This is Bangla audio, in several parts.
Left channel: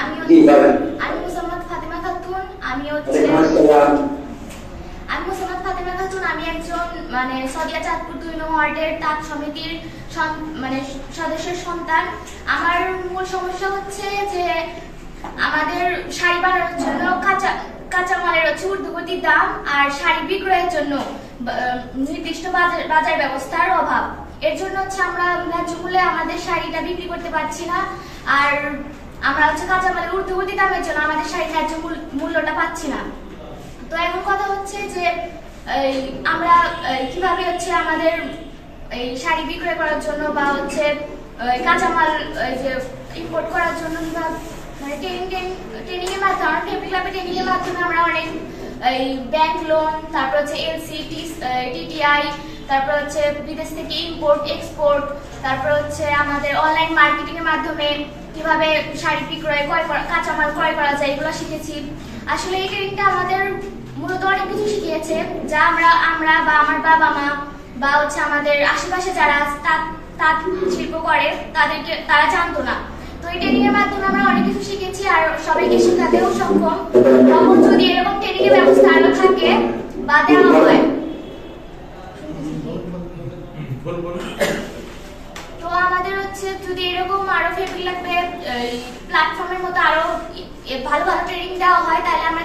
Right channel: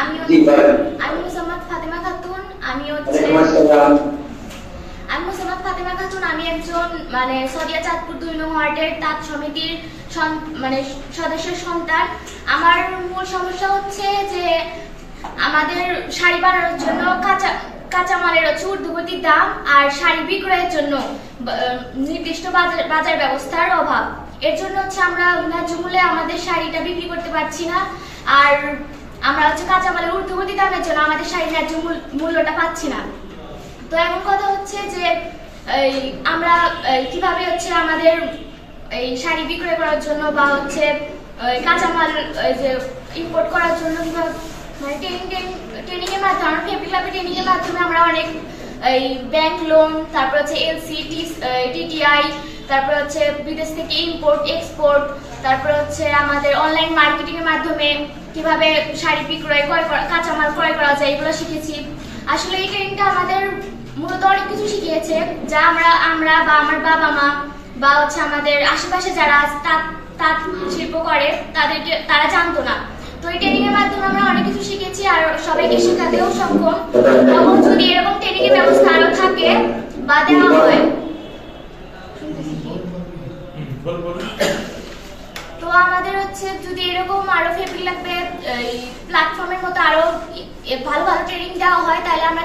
আমি মুসাম্মদ ফাতেমা খাতুন। আমি মুসাম্মদ ফাতেমা খাতুন। আমি একজন মানে সদিয়া চাঁদপুর 2 নং ওয়ার্ডের তাঁত সমিতির মানে সদস্যের সন্তান। আমার মূল সমস্যা হচ্ছে যে আমাদের শাড়ি বানানোর জন্য কাঁচামালের হচ্ছে ঊর্ধ্বগতির দাম আর শাড়ি বিক্রয়ের জন্য নির্দিষ্ট বাজার ব্যবস্থার অভাব। এর জন্য হচ্ছে আমরা ন্যায্য মূল্যে আমাদের শাড়িটা বিক্রি করতে পারছি না, আর আমরা হচ্ছে কাঁচামালের ঊর্ধ্বগতি দামের জন্য আমাদের শাড়ির ন্যায্য মূল্যটা পাচ্ছি না। তো এমন কথা হচ্ছে যে আমরা কিভাবে হচ্ছে আমাদের এই শাড়ি বিক্রয় করার জন্য বা হচ্ছে কাঁচামাল যে ইম্পোর্ট করার জন্য মানে ট্রেনিং এর মাধ্যমে ফেব্রিক ল্যাবে ট্রেনিং এর মাধ্যমে আমরা অনেক এই ব্যাংক লোন, তারপর হচ্ছে এলসি, টিটিআই, তারপর হচ্ছে বিদেশ থেকে ইম্পোর্ট এক্সপোর্ট, তারপর হচ্ছে আমাদের অনলাইন মার্কেটিং এর মাধ্যমে কিভাবে শাড়ি বিক্রয় কাঁচামাল ক্রয় করা যায় এগুলো শিখেছি। আসলে এই ট্রেনিংটা আমাদের মূলত অনেক কিছু শিখিয়েছে যা আমরা বা আমার বাবা মা বা হচ্ছে আমাদের আশেপাশে যারা তাঁত শিল্প করে তারা জানতো না। তো এই ট্রেনিং এর মাধ্যমে আমরা অনেক কিছু শিখেছি আর সবাইকে শেখাতেও সক্ষম। তখন যদি এরকম ট্রেনিং এর ব্যবস্থা আরো থাকে বা দেওয়া হয়, তো আমাদের হচ্ছে যদি এরকম আরো ফেব্রিক ল্যাবে প্ল্যাটফর্মের মতো আরো ভালো ভালো ট্রেনিং দেওয়া হয় তাহলে আমরা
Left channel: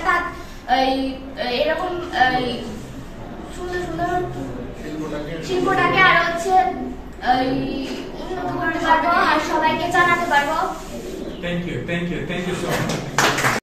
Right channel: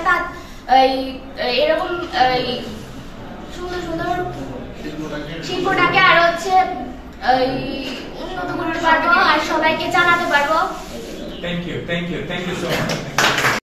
এরকম সুন্দর সুন্দর শিল্পটাকে আরো হচ্ছে উন্নত করতে পারবো আর সবাইকে জানাতে পারবো। Thank you so much.